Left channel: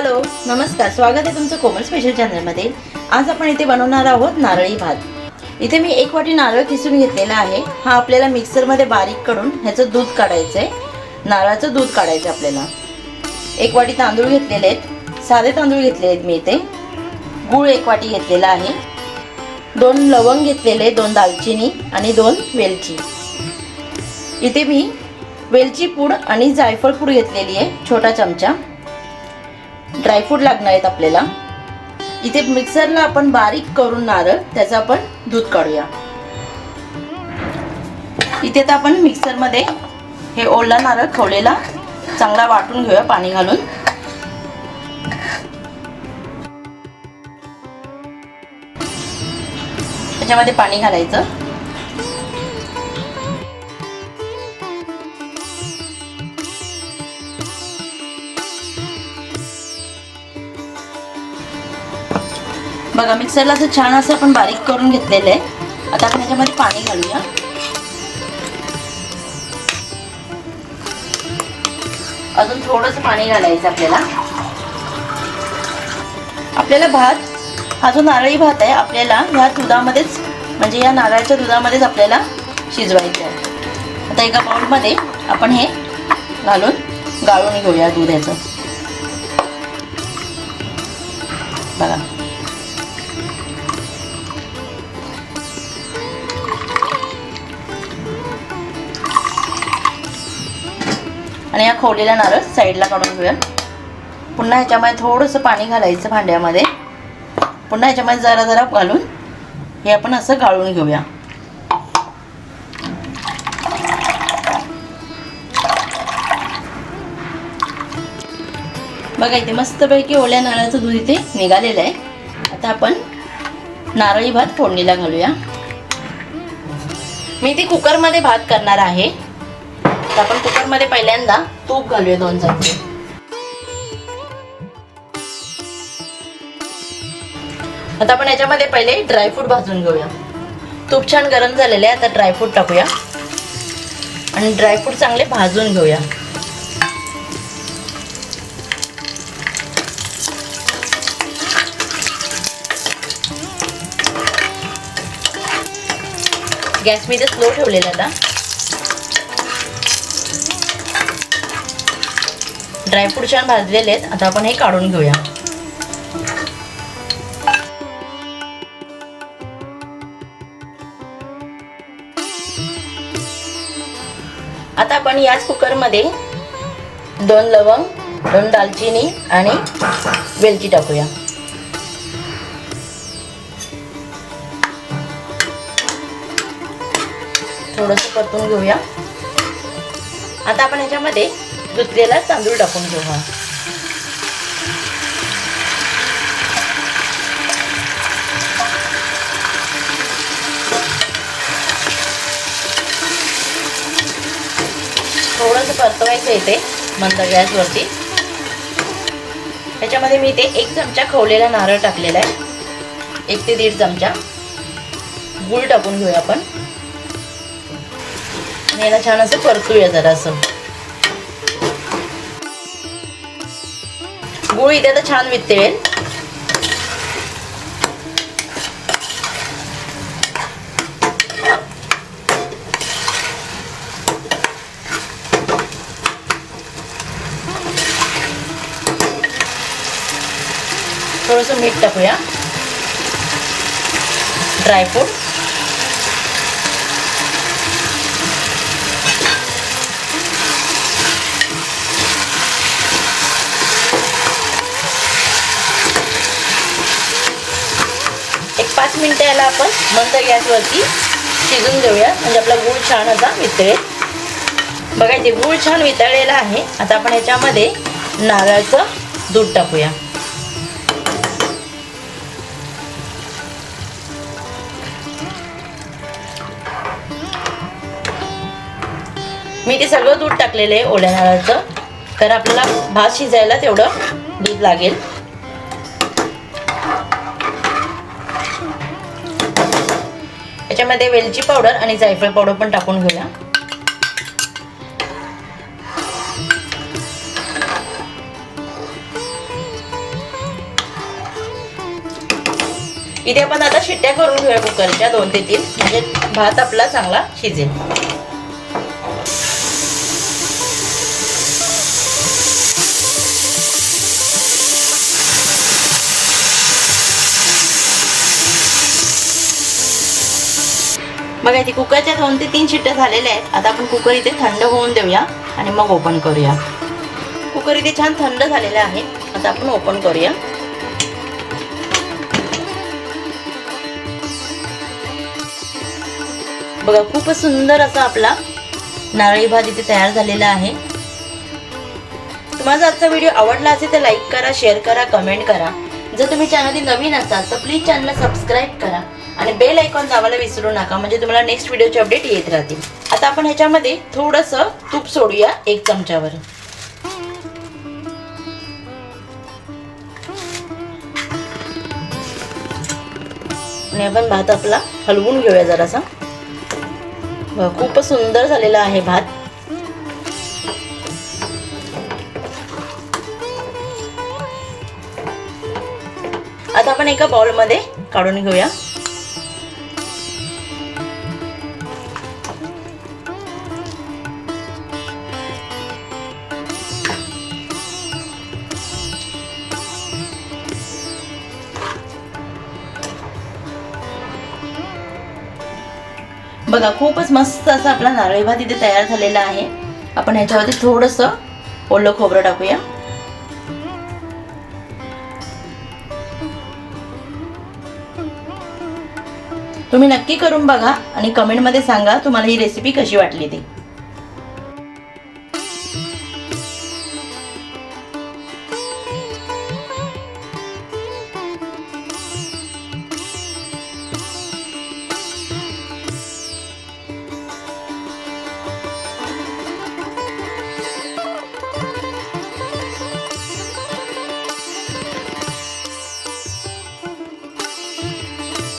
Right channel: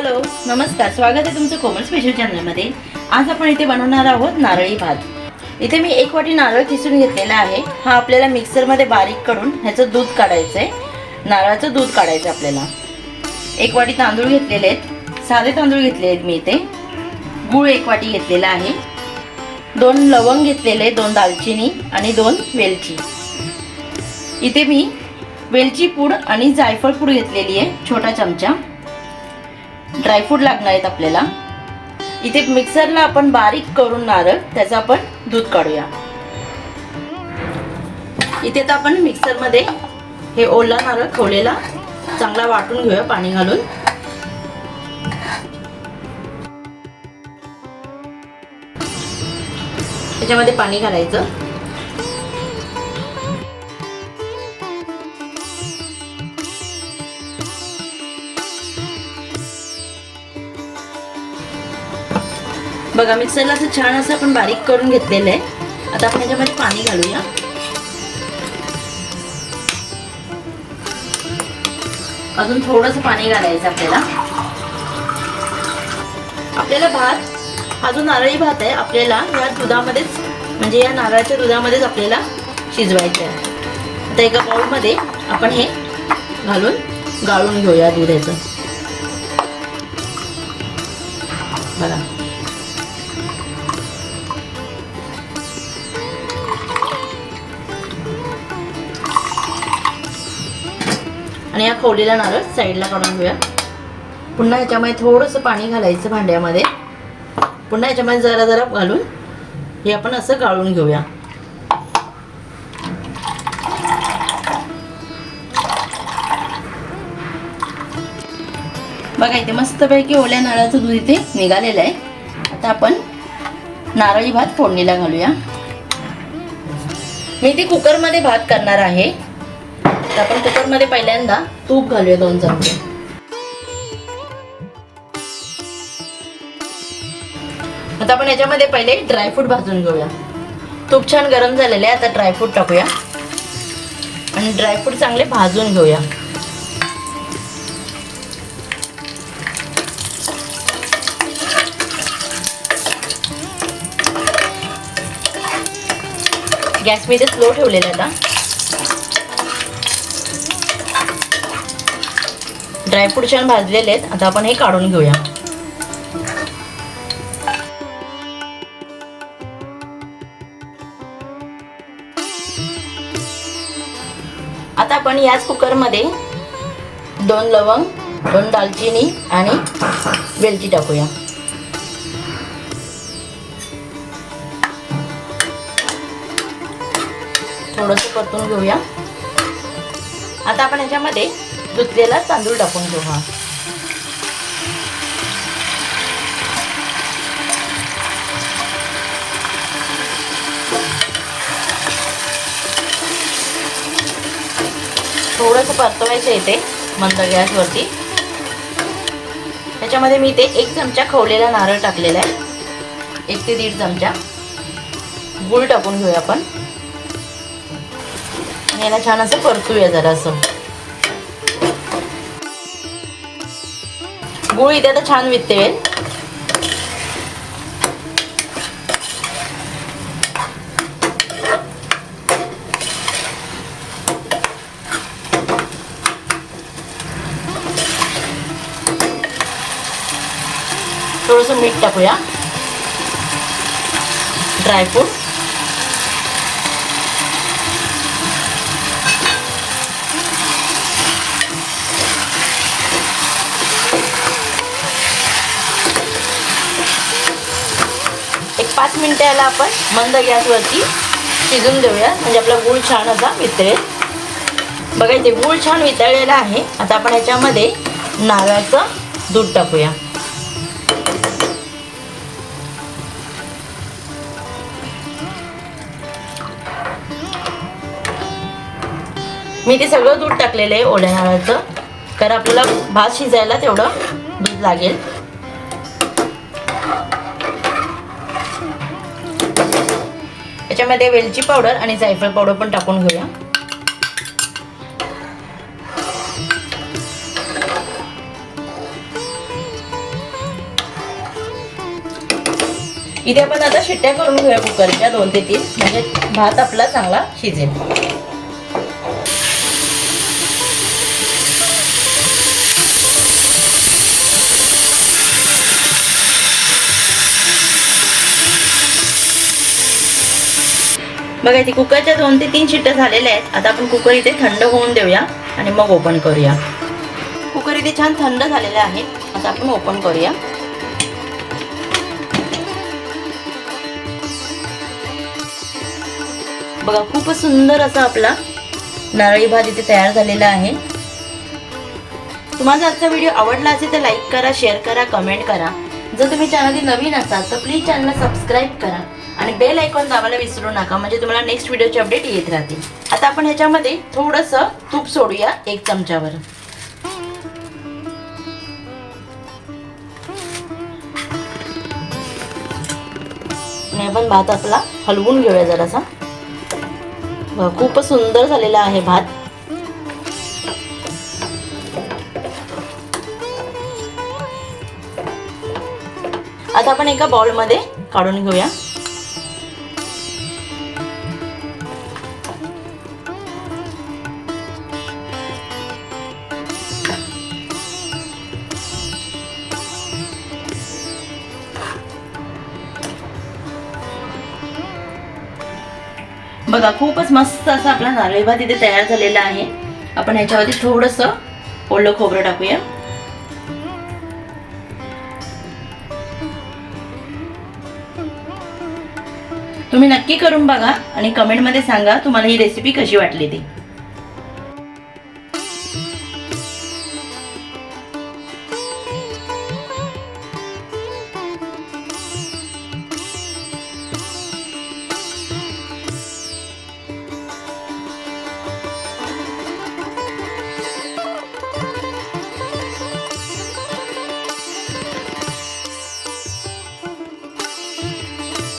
Hello नमस्कार, स्वागत आहे तुमचं कोमल स्पेशल चॅनलमध्ये। आज आपण इथे बनवणार आहोत नारळी भात। इथे मी 1 वाटी नारळ किसून घेतलेला आहे। हा आपल्याला मिक्सरमध्ये बारीक करून ह्याचं दूध काढायचं आहे, नारळाचं दूध काढायचं आपल्याला। 1 वाटी तांदूळ घेतलेले आहेत, साधे तांदूळ घेतले आहेत मी इथे। गूळ 1 वाटी घेतलेला आहे, 2 लवंग घेतलेले, 2 दालचिनी आणि 2 वेलची। इथे मी वेलची पूड आणि जायफळ पूड घेतलेली आहे, छोटा चमचा। ड्रायफ्रूट लागणार आहेत आपल्याला। इथे मिक्सरला आपण बारीक करून नारळ त्याचं आपण दूध काढूया। इथे तर आपण मिक्सरमध्ये हे ओला नारळ खवलेला चांगला वाटून घेऊया पाणी घालून। त्याच्यामध्ये पाणी घालायचं। बघा मिक्सरला असं छान असं आपण बारीक करून घेतलेलं आहे। आता आपण याच्यामध्ये पाणी घालूया। अजून थोडंसं पाणी घालायचं आपल्याला। आपल्याला भात हा जो नारळी भात आहे आपल्याला या दुधामध्येच म्हणजे या नारळाच्या दुधामध्येच आपल्याला शिजवायचं आहे। आता एका बाउलमध्ये आपण हे घालून गाळून घेऊया दूध याचं। बघा आणि या खवलेला नारळ साईडला काढून घेऊया। पुन्हा ह्याच्यामध्ये थोडंसं पाणी घालायचं भांड्यामध्ये। पुन्हा ह्याच्यामध्ये जरा जरा घालून हे आपण असं गाळून घेऊया। बघा इथे मस्तपैकी ओल्या नारळाचं दूध इथे निघालेलं आहे। आता आपण नारळी भात फोडणीला घालूया। मी इथे कुकरमध्ये भात करणार आहे। आपण कुकरमध्ये पहिल्यांदा तूप घालूया 2 चमचे। आता आपण याच्यामध्ये पहिले ड्रायफ्रूट भाजून घेऊया। तूप छान गरम झालेलं आहे, आता ड्रायफ्रूट टाकूया आणि ड्रायफ्रूट चांगले भाजून घेऊया। गॅस मी इथे स्लो ठेवलेला आता। ड्रायफ्रूट छान भाजलेले आहेत, आता आपण हे काढून घेऊया। आता आपण याच कुकरमध्ये 2 लवंग, 2 दालचिनी आणि वेलची टाकूया। थोडंसं परतून घेऊया। आता आपण याच्यामध्ये धुतलेला तांदूळ टाकून घेऊ। थोडंसं परतवायचं येते मंद गॅसवरती। त्याच्यामध्ये मी इथे 1 चमचा खवलेला नारळ टाकलेला आहे, 1 ते 1.5 चमचा। गूळ टाकून घेऊया आपण। याला छान असं परतूया जरा असं। गूळ इथे आता छान वितळेल। थोडंसं मीठ टाकूया, ड्रायफ्रूट, एक 5 मिनिटं याला आपण मंद गॅसवरती शिजून देऊया, म्हणजे आपला गूळ छान असा वितळेल। बघा इथे गूळ छान वितळलेला आहे। आता आपण याच्यामध्ये नारळाचं दूध टाकूया। मी ते सगळं दूध टाकलेलं आहे ओल्या नारळाचं, कारण आपल्याला भात शिजायला तेवढं दूध लागेल। याच्यामध्ये वेलची पावडर आणि जायफळ पावडर पण टाकून घेऊया। इथे आपण आता शिट्ट्या करून घेऊया कुकरच्या 2 ते 3, म्हणजे भात आपला चांगला शिजेल. बघा इथे कुकरच्या 2 ते 3 शिट्ट्या झालेल्या आहेत. आता आपण कुकर इथे थंड होऊन देऊया आणि मग ओपन करूया. कुकर इथे छान थंड झालेला आहे. आता आपण ओपन करूया. बघा खूपच सुंदर असा आपला नारळी भात इथे तयार झालेला आहे. तुम्हाला आजचा व्हिडिओ आवडला असेल तर लाईक करा, शेअर करा, कमेंट करा. जर तुम्ही चॅनलवर नवीन असाल तर प्लीज चॅनलला सबस्क्राईब करा आणि बेल आयकॉन दाबायला विसरू नका, म्हणजे तुम्हाला नेक्स्ट व्हिडिओचे अपडेट येत राहतील. आता आपण ह्याच्यामध्ये थोडंसं तूप सोडूया 1 चमचावर. आणि आपण भात आपला हलवून घेऊया जरासा. खूपच सुंदर झालेला आहे भात. आता आपण एका बाउल मध्ये काढून घेऊया. बघा खूपच मस्त असा आपला नारळी भात इथे तयार झालेला आहे. आपण ह्याच्यावरती थोडंसं ओलं खोबरं टाकूया. तुम्ही नक्की करून बघा आणि कमेंटमध्ये सांगा तुम्हाला ही रेसिपी कशी वाटली ती.